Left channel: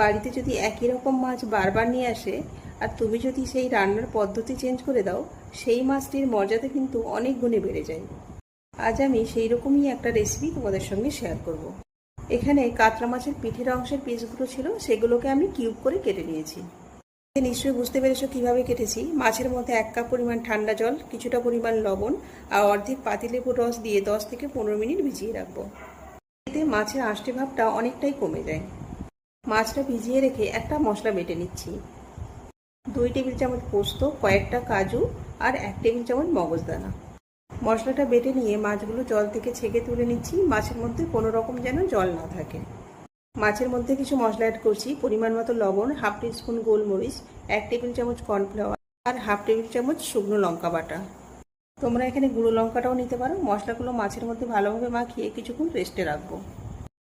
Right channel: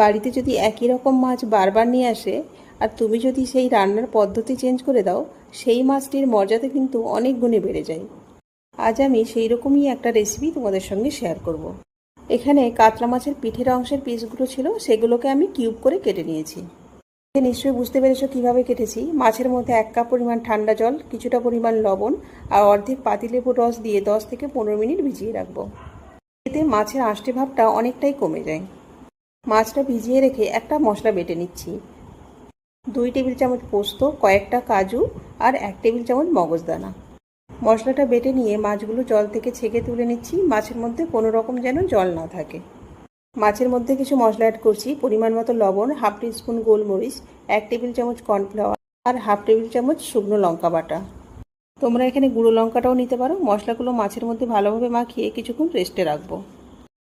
বাড়িতে যদি একই রকম মাছ বারবার নিয়ে আসে আর তুমি যদি সেই রান্নার পদ্ধতি চেঞ্জ করে দাও, সেই মাছটির মর্যাদা কিন্তু অনেক গুণে বেড়ে যায়। আজ আমি সেই রকমই একটা রেসিপি তোমাদের সঙ্গে শেয়ার করব। এখানে কাতলা মাছের পিঠের অংশের পিসগুলো ছিল, সেগুলোকে আমি কিউব করে কেটে নিয়েছি। নিশ্চয়ই বুঝতে পেরেছো কিভাবে কেটেছি। মাছের মধ্যে 1 কাপ পরিমাণ ঠান্ডা জল, কিছুটা পরিমাণ লবণ আর অর্ধেক পাতিলেবুর রস দিয়ে 10 থেকে 15 মিনিট ভিজিয়ে রাখবো। এতে মাছের আঁশটে ভাবটা অনেকটাই কমে যায়। মাছটা ভিজিয়ে রেখে একটা মশলা বেটে নিচ্ছি। 2 টেবিল চামচ পোস্ত, কয়েকটা কাজু আর 1 টেবিল চামচ মগজদানা। মশলাটা বেটে নিয়ে মাছগুলো জল থেকে ছেঁকে তুলে নিচ্ছি। মাছের মধ্যে কোনো রকম যেন জল না থাকে। মাছের মধ্যে কিছু মশলা অ্যাড করছি। পরিমাণ মতো লবণ, হাফ টিস্পুন গোলমরিচ, 1 টেবিল চামচ কর্নফ্লাওয়ার আর হাফ টেবিল চামচ শুকনো লঙ্কা বাটা। তোমরা এখানে গুঁড়ো লঙ্কাটাও নিতে পারো। মশলাগুলো মাছের মধ্যে ভালোভাবে মাখিয়ে কিছুক্ষণ রেস্টে রাখবো।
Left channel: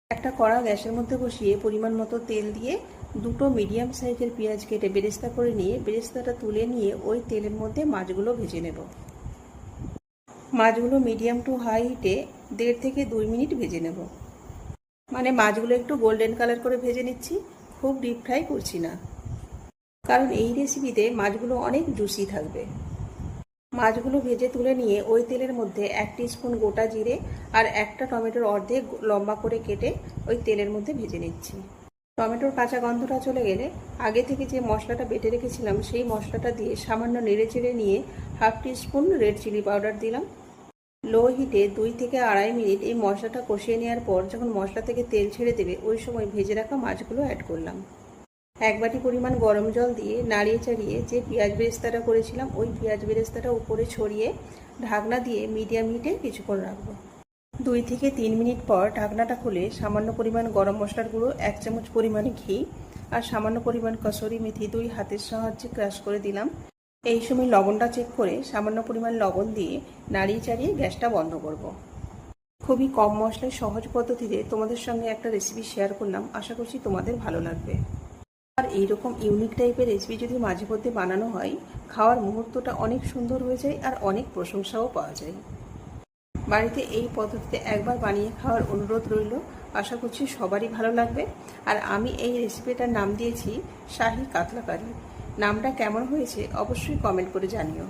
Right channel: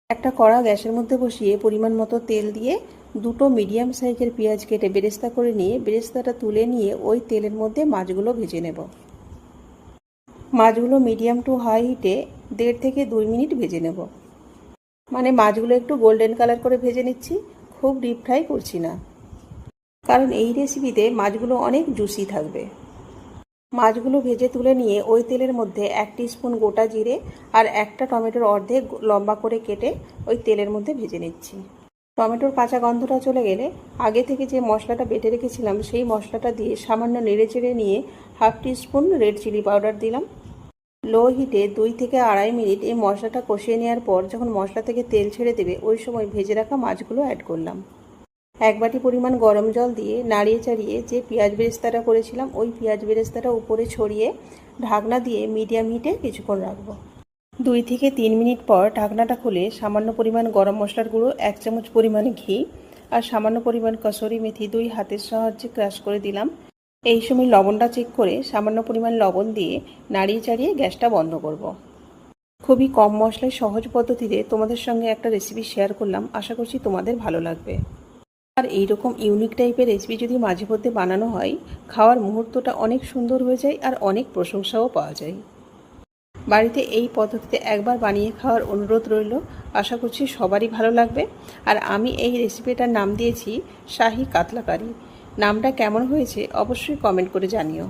একটা কড়া গ্যাসের মধ্যে বসিয়ে পরিমাণ মতো তেল দিয়ে 2টো মিডিয়াম সাইজের পেঁয়াজ কেটে বেরেস্তা করে নিয়ে বেরেস্তাটা তুলে নিয়ে ওই তেলের মধ্যে মাছগুলো ভেজে নেব। মাছগুলো মিডিয়াম টু হাই হিটে 1.5 থেকে 2 মিনিট ভেজে নেব। মানে মাছগুলো একটু গোল্ডেন কালার করে ভেজে নিচ্ছি, খুব ডিপ ফ্রাই করছি না, কারণ এই রেসিপিতে মাছগুলো অনেক জুসি থাকবে। মাছগুলো ভেজে তুলে নিয়ে ওই তেলের মধ্যে 1 টিস্পুন গোটা জিরে আর একটা টমেটোর অর্ধেক লম্বা করে কেটে ওই তেলের মধ্যে ভেজে নিচ্ছি। টমেটোর কাঁচা গন্ধটা চলে গেলে আগে থেকে যে মশলাটা বেটে রেখেছিলাম সেই মশলাটা দিয়ে সামান্য নেড়ে চেড়ে নিয়ে half teaspoon red chilli powder দিলাম। লো হিটে 2 থেকে 2.5 মিনিট এই মশলাটা কষিয়ে নেওয়ার পর যখন মশলা থেকে তেল ছেড়ে দেবে ওই সময় ভেজে রাখা মাছগুলো অ্যাড করলাম। 1 বাটি পরিমাণ গরম জল দিয়ে নাড়িয়ে চাড়িয়ে যে পেঁয়াজ বেরেস্তাটা করেছিলাম ওই পেঁয়াজ বেরেস্তাটা উপরে ছড়িয়ে ঢাকনা দিয়ে মিডিয়াম হিটে কিছুক্ষণ রাখবো। 2 থেকে 3 মিনিট পর ঢাকনাটা খুলে সামান্য পরিমাণ গরম মশলার গুঁড়ো, 1 চামচ পরিমাণে ঘি আর সামান্য পরিমাণ কসুরি মেথি 2 হাতের সাহায্যে ক্রাশ করে দিলাম। এই সময় লবণটা চেক করে সামান্য পরিমাণ লবণ দিয়ে নাড়িয়ে চাড়িয়ে গ্যাসটা বন্ধ করব। খুবই কম মশলায় সহজ পদ্ধতিতে তোমাদের সঙ্গে একটা রেসিপি শেয়ার করলাম, আশা করছি তোমাদের ভালো লাগবে। আর এইরকম ইউনিক টাইপের রেসিপি যদি মাঝে মধ্যে বানানো হয়, খাওয়ার মুহূর্তটা অনেক সুন্দর হয়ে যায় আর অনেক প্রশংসাও পাওয়া যায়। বাড়িতে এই পদ্ধতিতে একবার বানিয়ে খাওয়ার অনুরোধ রইল, আশা করছি সবারই ভালো লাগবে। আর আমি এই রেসিপিটার নাম দিয়েছি শাহী কাতলা কারি। নামটা কেমন হয়েছে অবশ্যই কমেন্ট করে জানিও।